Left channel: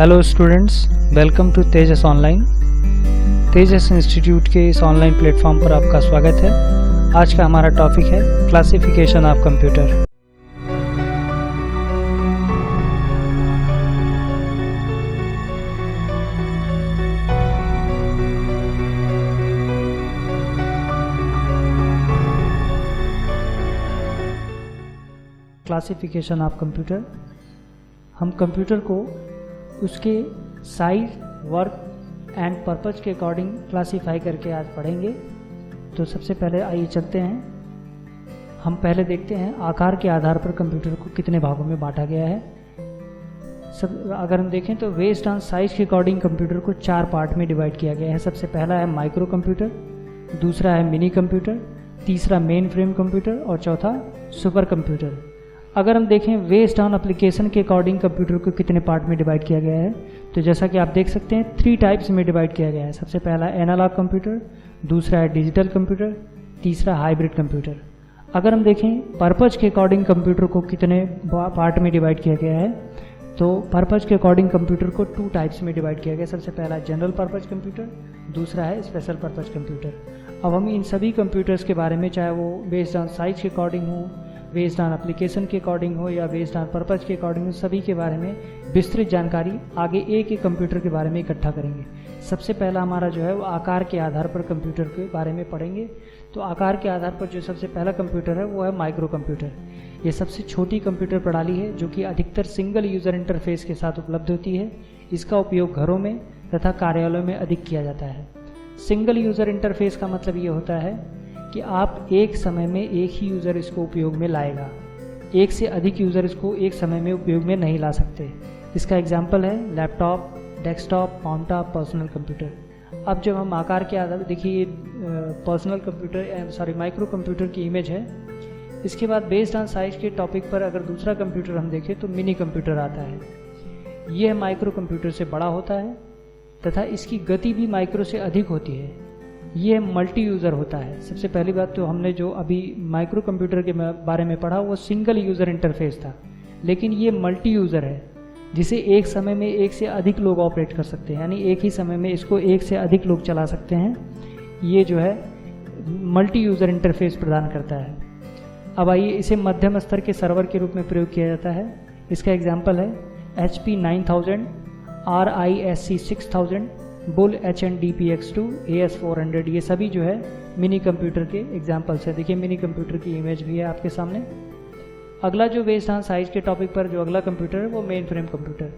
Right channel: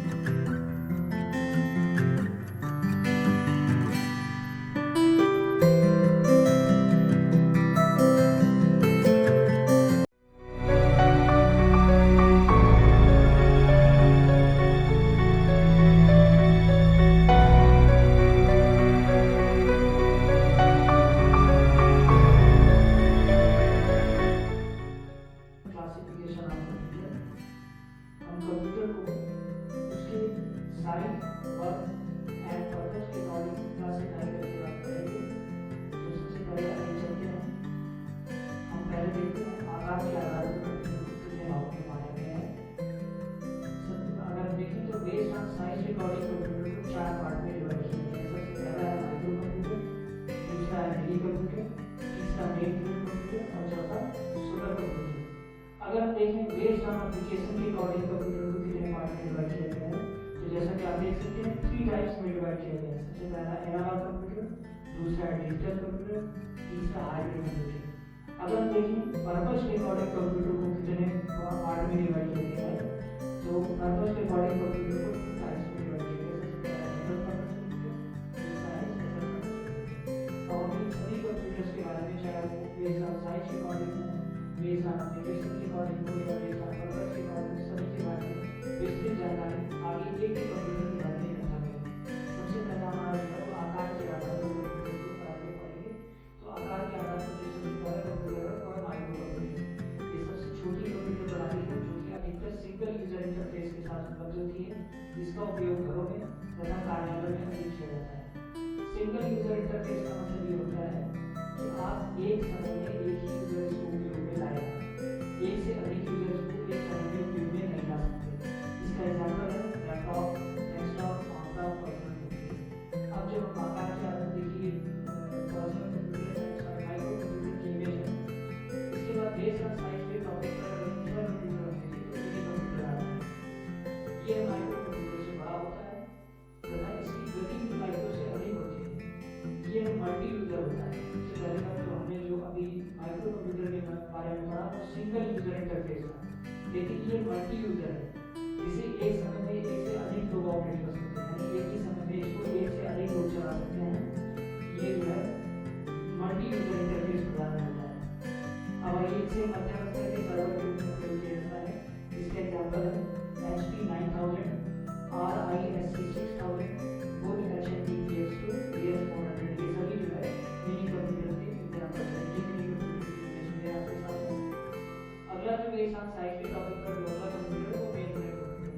Hello students, welcome to Tejas online. Tejas institute के इस online platform पर आपका स्वागत है। आज का हमारा टॉपिक है classification of computer. Classification of computer, हम कंप्यूटर को उसके साइज, वर्क एंड पर्पज़ के अकॉर्डिंग क्लासीफाई करके आज पढ़ेंगे। तो सबसे पहले आइए चलते हैं। हम पहले देखते हैं आकार के आधार पर कंप्यूटर को कितने भागों में बांटा गया है। अगर हम देखें तो बेस्ड ऑन साइज के अकॉर्डिंग कंप्यूटर को 4 पार्ट में डिवाइड किया गया है। सबसे पहला है माइक्रो कंप्यूटर, दूसरा है मिनी कंप्यूटर, तीसरा मेन फ्रेम कंप्यूटर और चौथा सुपर कंप्यूटर। अगर हम देखें बेस्ड ऑन एप्लीकेशन के अकॉर्डिंग कंप्यूटर को कितने पार्ट में डिवाइड किया गया है, तो जैसा कि आप देख सकते हैं 3 टाइप्स में डिवाइड किया गया है। सबसे पहला एनालॉग कंप्यूटर, दूसरा है डिजिटल कंप्यूटर, तीसरा हाइब्रिड कंप्यूटर। अगर हम देखें पर्पज़ के अकॉर्डिंग कंप्यूटर को कितने पार्ट में डिवाइड किया गया है, तो पर्पज़ के अकॉर्डिंग कंप्यूटर को 2 टाइप्स में डिवाइड किया गया। सबसे पहला जनरल पर्पज़ कंप्यूटर, दूसरा है स्पेशल पर्पज़ कंप्यूटर। अब हम इन सभी कंप्यूटर्स के बारे में, चाहे वो बेस्ड ऑन साइज के अकॉर्डिंग हो, बेस्ड ऑन एप्लीकेशन के अकॉर्डिंग हो या बेस्ड ऑन पर्पज़ के अकॉर्डिंग हो, सभी के बारे में विस्तृत जानकारी आगे एक एक कंप्यूटर के बारे में इकट्ठा करेंगे। सबसे पहला हमारा जो है वो आकार के आधार पर कंप्यूटर के बारे में पढ़ेंगे। तो आकार के आधार पर जो सबसे पहला कंप्यूटर है वो है माइक्रो कंप्यूटर। ये सबसे छोटी कंप्यूटर प्रणाली है जो कि अधिकतर सिंगल यूज़र इंटरफेस के साथ उपलब्ध होती है। इसका उपयोग घरों में तथा कार्यालयों में अधिक किया जाता है। सिंगल यूज़र इंटरफेस का मतलब ये होता है कि आप एक समय में एक ही यूज़र इसको उपयोग में लाएगा, एक से अधिक यूज़र इसको एक समय में उपयोग में नहीं ला सकते। इसका एग्जाम्पल है लैपटॉप, डेस्कटॉप, माउंटटॉप, पर्सनल कंप्यूटर। अब जब हम आकार के आधार, देखिए पर्सनल कंप्यूटर माइक्रो कंप्यूटर की इमेज है। इसके बाद बेस्ड ऑन साइज के टॉपिक पर अगर दूसरा कंप्यूटर हम देखें तो मिनी कंप्यूटर आता है। यह माइक्रो कंप्यूटर से बड़ा होता है तथा इसकी गति भी माइक्रो से अधिक होती है। ये मल्टी यूज़र होता है। सबसे पहली बात तो हमने जो अभी माइक्रो कंप्यूटर के बारे में पढ़ा वो सिंगल यूज़र इंटरफेस था, लेकिन ये मल्टी यूज़र है जिसे एक समय में एक से अधिक लोग ऑपरेट कर सकते हैं, यानी एक ही समय में इसको एक से अधिक लोग चला सकते हैं। ये जो है मल्टी यूज़र इंटरफेस प्रदान करता है। अब आइए, इसे मध्यम स्तर के सर्वर के रूप में प्रयोग किया जाता है। इसका एग्जाम्पल है HP 9000, RISC 6000, bull HNDPX2, AS400। ये सभी जो है मिनी कंप्यूटर के एग्जाम्पल्स है। देखिए मिनी कंप्यूटर की इमेज भी है आपके सामने। अगला जो बेस्ड ऑन साइज के टॉपिक पर जो अगला कंप्यूटर है वो मेन फ्रेम कंप्यूटर।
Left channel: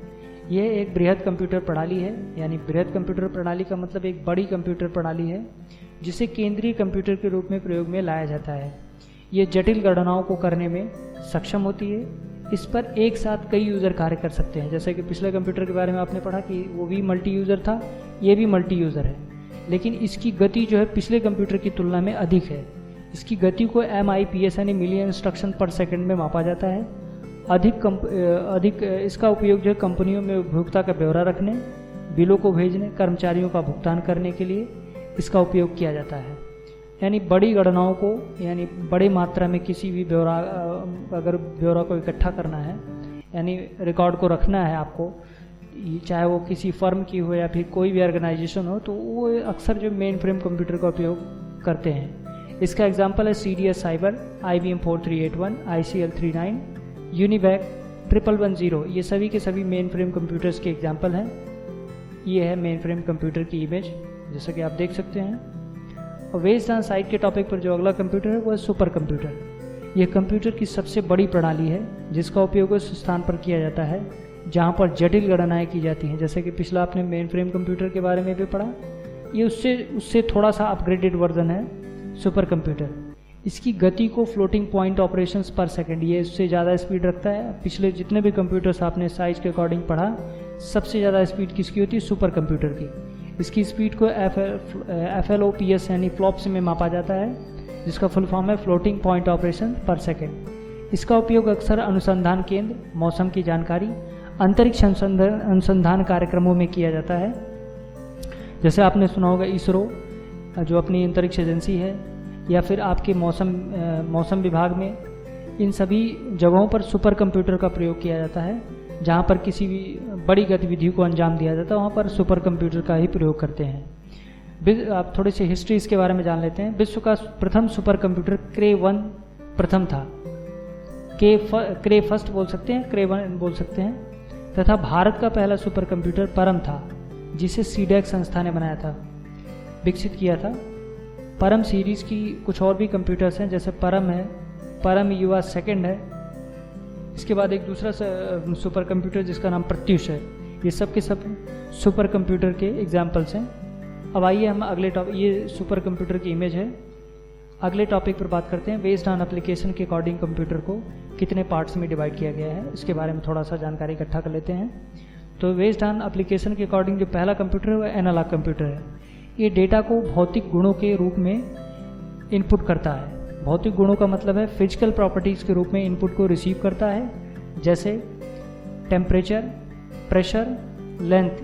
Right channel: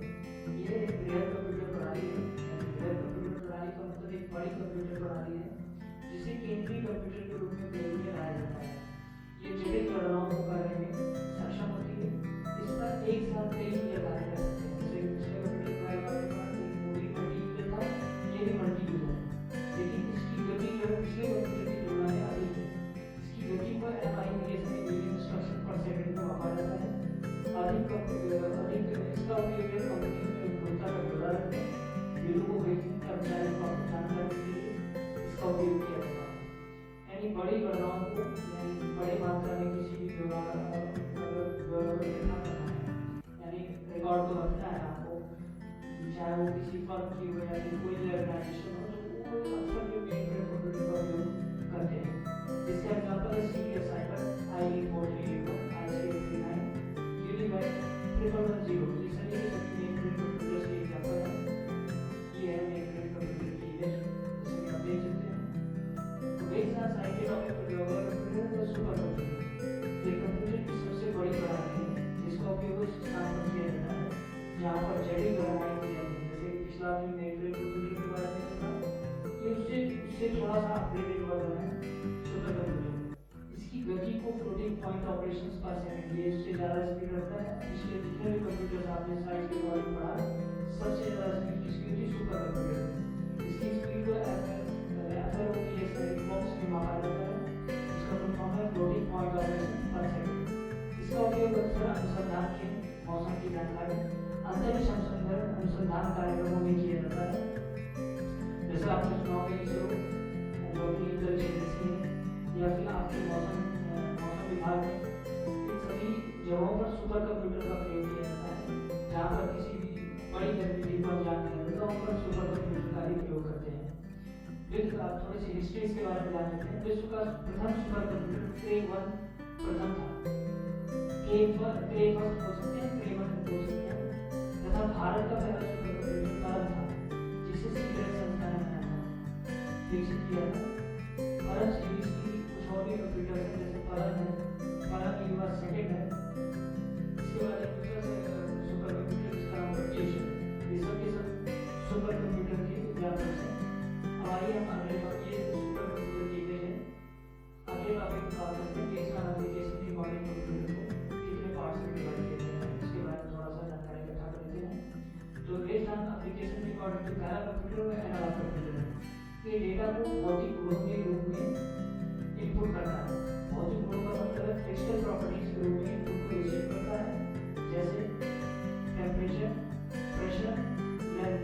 यह एक बृहद कंप्यूटर प्रणाली है, यानी बृहद कंप्यूटर प्रणाली का मतलब एक बड़ी कंप्यूटर प्रणाली है जिसे केंद्रीय कंप्यूटर के रूप में प्रयोग में लाया जाता है। ये जटिल गणनाओं को करने में सक्षम होती है। इस पर एक साथ कई यूज़र कार्य कर सकते हैं। जैसे कि पिछले कंप्यूटर के बारे में आपने पढ़ा कि वो भी मल्टी यूज़र था, ये भी मल्टी यूज़र है, लेकिन इसकी गति जो है पिछले कंप्यूटर की तुलना में अधिक है। इसकी गति को MIPS यानी मिलियन इंस्ट्रक्शन पर सेकंड में मापा जाता है। अधिक इसका उपयोग जो है कंपनियों में उपभोक्ता का ब्यौरा रखने, बिलों को भेजने, कर्मचारियों का भुगतान करने के लिए इसका उपयोग किया जाता है। यानी बड़ी गणनाओं को, यानी बड़ी मात्रा में किसी भी अगर ब्यौरा को इकट्ठा करना है, यानी रिकॉर्ड को रखना है आपको, चाहे वो किसी फर्म की हो या फिर कोई भी ऑर्गेनाइजेशन हो, तो वो अक्सर जो मेन फ्रेम कंप्यूटर का उपयोग करते हैं। इसका एग्जांपल है CDS cyber, IBM 4381, ICL 39, UNIVAC 1110। ये सभी के सभी मेन फ्रेम कंप्यूटर्स के एग्जाम्पल हैं। ये है मेन फ्रेम कंप्यूटर की इमेज, जैसा कि आप देख सकते हैं। और बेस्ड ऑन साइज के टॉपिक पर जो अगला कंप्यूटर है वो है सुपर कंप्यूटर। यह कंप्यूटर की सबसे बड़ी प्रणाली है जिसका उपयोग उस स्थान पर किया जाता है जहां पर जटिल गणनाएं की जाती हैं। जैसे कि पिछला आपने मेन फ्रेम कंप्यूटर के बारे में भी पढ़ा, ये उससे थोड़ा सा अपग्रेडेड वर्जन है सुपर कंप्यूटर। इसकी गति को फ्लोटिंग पॉइंट ऑपरेशंस पर सेकंड, ये उससे ज़्यादा स्पीड रखता है। पिछले जितने भी कंप्यूटर्स आपने साइज के अकॉर्डिंग पढ़ा, सबसे ज़्यादा स्पीड किसकी होती है? सुपर कंप्यूटर की। इसकी स्पीड को FLOPS यानी फ्लॉप्स में मापा जाता है, जिसका फुल फॉर्म है फ्लोटिंग पॉइंट ऑपरेशन पर सेकेंड। इसका उपयोग अक्सर अनुसंधान केंद्र, मौसम की जानकारी, अंतरिक्ष अनुसंधान कार्यक्रमों में किया जाता है। जैसे आपने सुना होगा इसरो जो अपनी अंतरिक्ष एजेंसी है, या फिर आपके मौसम विभाग में, इन सभी जगहों पर सुपर कंप्यूटर का प्रयोग किया जाता है, जहाँ पर किसी भी बड़ी गतिविधियों को अंजाम दिया जाता है वहाँ पर सुपर कंप्यूटर का ही प्रयोग करते हैं। आप थोड़ी सी हिस्ट्री इसके बारे में जान लेते हैं। विश्व का प्रथम सुपर कंप्यूटर क्रे 1 प्रथम था। क्रे फर्स्ट बोल सकते हैं, क्रे 1 बोल सकते हैं। तथा भारत का पहला सुपर कंप्यूटर परम था, जिसे सीडेक संस्था ने बनाया था, विकसित किया था। परम सीरीज़ की कुछ और भी कंप्यूटर्स हैं, जैसे परम है, परम युवा सेकंड है। इसके बाद एक दूसरा सुपर कंप्यूटर जिसका नाम प्रत्युष है। ये सब के सब सुपर कंप्यूटर के एग्जाम्पल्स हैं। अब आइए हम अगले टॉपिक, ये सुपर कंप्यूटर की इमेज है। अगले टॉपिक पर बात करते हैं। बेस्ड ऑन एप्लीकेशन के अकॉर्डिंग कंप्यूटर को कितने पार्ट्स में डिवाइड किया गया है, इसके बारे में थोड़ा सा जानकारी इकट्ठा कर लेते हैं। तो बेस्ड ऑन एप्लीकेशन के अकॉर्डिंग जो पहला कंप्यूटर है वो एनालॉग कंप्यूटर है। ये डेटा को भौतिक गुणों के रूप में इनपुट करता है। भौतिक गुणों का मतलब है फिजिकल प्रॉपर्टीज़ के रूप में इनपुट को रिसीव करता है, जैसे टेम्परेचर, प्रेशर, लेंथ,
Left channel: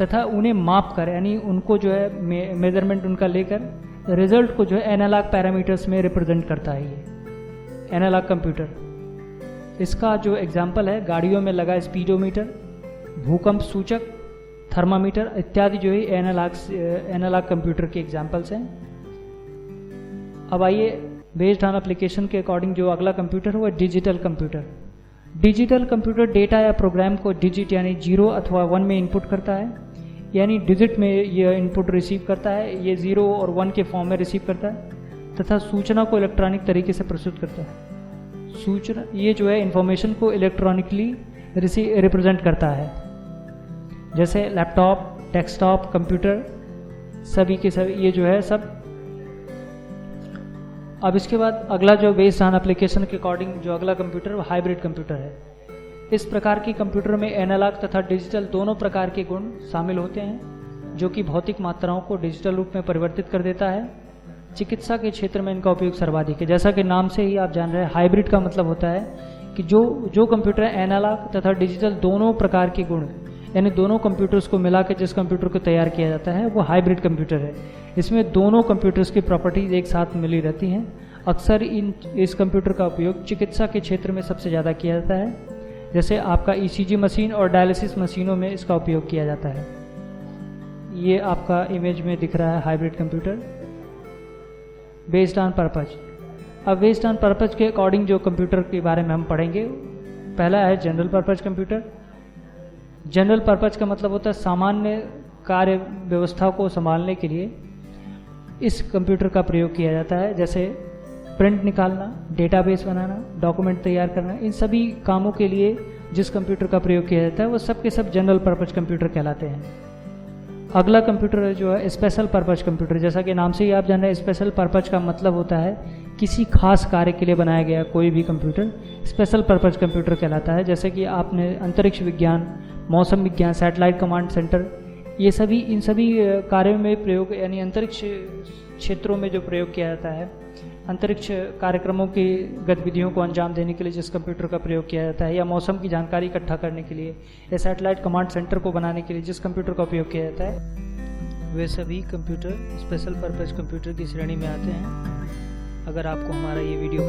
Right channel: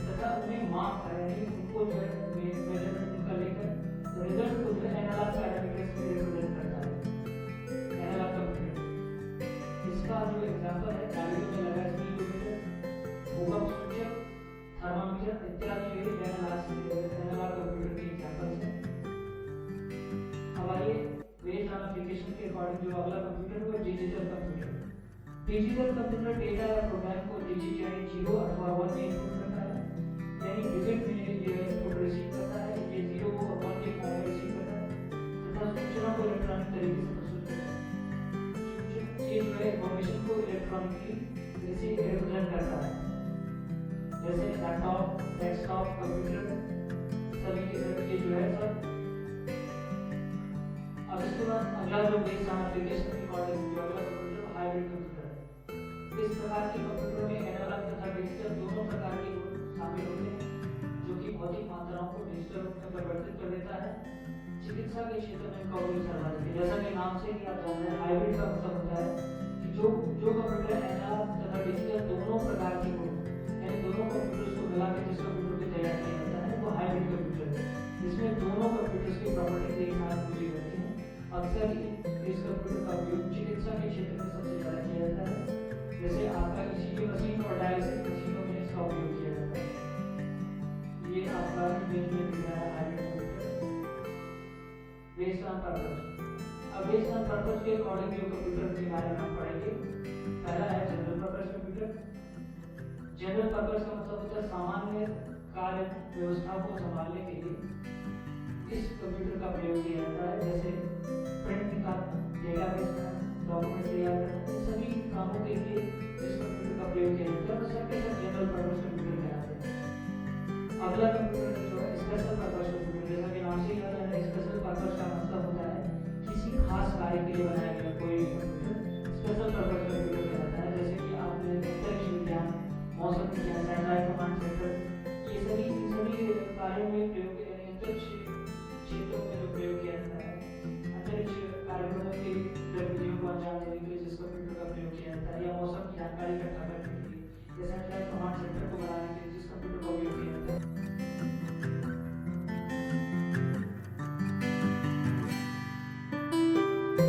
तथा उन्हें माप कर, यानी उनको जो है मेजरमेंट उनका लेकर रिजल्ट को जो है एनालॉग पैरामीटर्स में रिप्रेजेंट करता है ये एनालॉग कंप्यूटर। इसका जो एग्जांपल है, गाड़ियों में लगा स्पीडोमीटर, भूकंप सूचक, थर्मामीटर इत्यादि जो है एनालॉग कंप्यूटर के एग्जांपल्स हैं। अब आइए बेस्ड ऑन एप्लीकेशन के अकॉर्डिंग जो अगला कंप्यूटर है वो digital computer. Digital computer data या प्रोग्राम को डिजिट यानी 0 अथवा 1 में इनपुट करता है, यानी डिजिट में यह इनपुट रिसीव करता है, ये 0 और 1 के फॉर्म में रिसीव करता है, तथा सूचना को इलेक्ट्रॉनिक तरीके से प्रस्तुत करता है। सूचना ये जो है इंफॉर्मेशन को इलेक्ट्रॉनिकली रिप्रेजेंट करता है, जैसे लैपटॉप, डेस्कटॉप, कंप्यूटर, सभी के सभी ये जो है सब। अब इसके बाद अगला जो बेस्ड ऑन एप्लीकेशन के अकॉर्डिंग जो अगला कंप्यूटर वो हाइब्रिड कंप्यूटर है। इस प्रकार के कंप्यूटर में एनालॉग तथा डिजिटल दोनों प्रकार के गुण शामिल होते हैं, जो कि भौतिक मात्राओं को डिजिटल रूप में परिवर्तित कर देता है। चिकित्सा के क्षेत्र में इनका उपयोग सर्वाधिक है। जैसा कि नाम से ही आप जान रहे हैं, हाइब्रिड का मतलब होता है कि जो कंप्यूटर एनालॉग तथा डिजिटल दोनों प्रकार के गुण, यानी दोनों कंप्यूटर्स को मिला के जिस कंप्यूटर को तैयार किया जाता है वो हाइब्रिड कंप्यूटर है। इसमें दोनों कंप्यूटर्स की प्रॉपर्टीज एक साथ मिली रहती हैं। अक्सर इस कंप्यूटर का उपयोग चिकित्सा के क्षेत्र में सबसे ज़्यादा किया जाता है, जैसे आपका ECG मशीन और डायलिसिस मशीनों में इसका उपयोग किया जाता है। ये आपका इमेज में दिख रहा है hybrid computer. Based on purpose. अब बेस्ड ऑन पर्पज के अकॉर्डिंग जो कंप्यूटर के बारे में हम पढ़ेंगे, पहला है general purpose computer. General purpose का मतलब होता है सामान्य कार्य व्यवस्था को संभालने के लिए इस कंप्यूटर का प्रयोग किया जाता है, जैसे प्रिंट निकालना, डेटाबेस बनाना, डॉक्यूमेंट तैयार करना। इन सभी कामों के लिए जिस कंप्यूटर का प्रयोग किया जाता है वो सब के सब जनरल पर्पज कंप्यूटर कहलाते हैं। अगला कंप्यूटर जो है स्पेशल पर्पज कंप्यूटर। जैसा कि नाम से ही आप जान रहे हैं, स्पेशल पर्पज का मतलब होता है किसी खास कार्य के लिए बनाया गया कोई भी कंप्यूटर स्पेशल पर्पज कंप्यूटर कहलाता है। जैसे कि आपने अंतरिक्ष विज्ञान, मौसम विज्ञान, सैटेलाइट कमांड सेंटर, ये सभी इन सभी कार्यों में प्रयोग, यानी अंतरिक्ष क्षेत्रों में जो प्रयोग किया जाता है, अंतरिक्ष कार्यक्रमों की गतिविधियों को अंजाम देने के लिए जिस कंप्यूटर का प्रयोग किया जाता है, या मौसम की जानकारी इकट्ठा करने के लिए, या सैटेलाइट कमांड सेंटर को बनाने के लिए जिस कंप्यूटर का उपयोग किया जाता है, वे सभी कंप्यूटर स्पेशल पर्पज़ कंप्यूटर की श्रेणी में आते हैं। अगर आपको हमारा ये वीडियो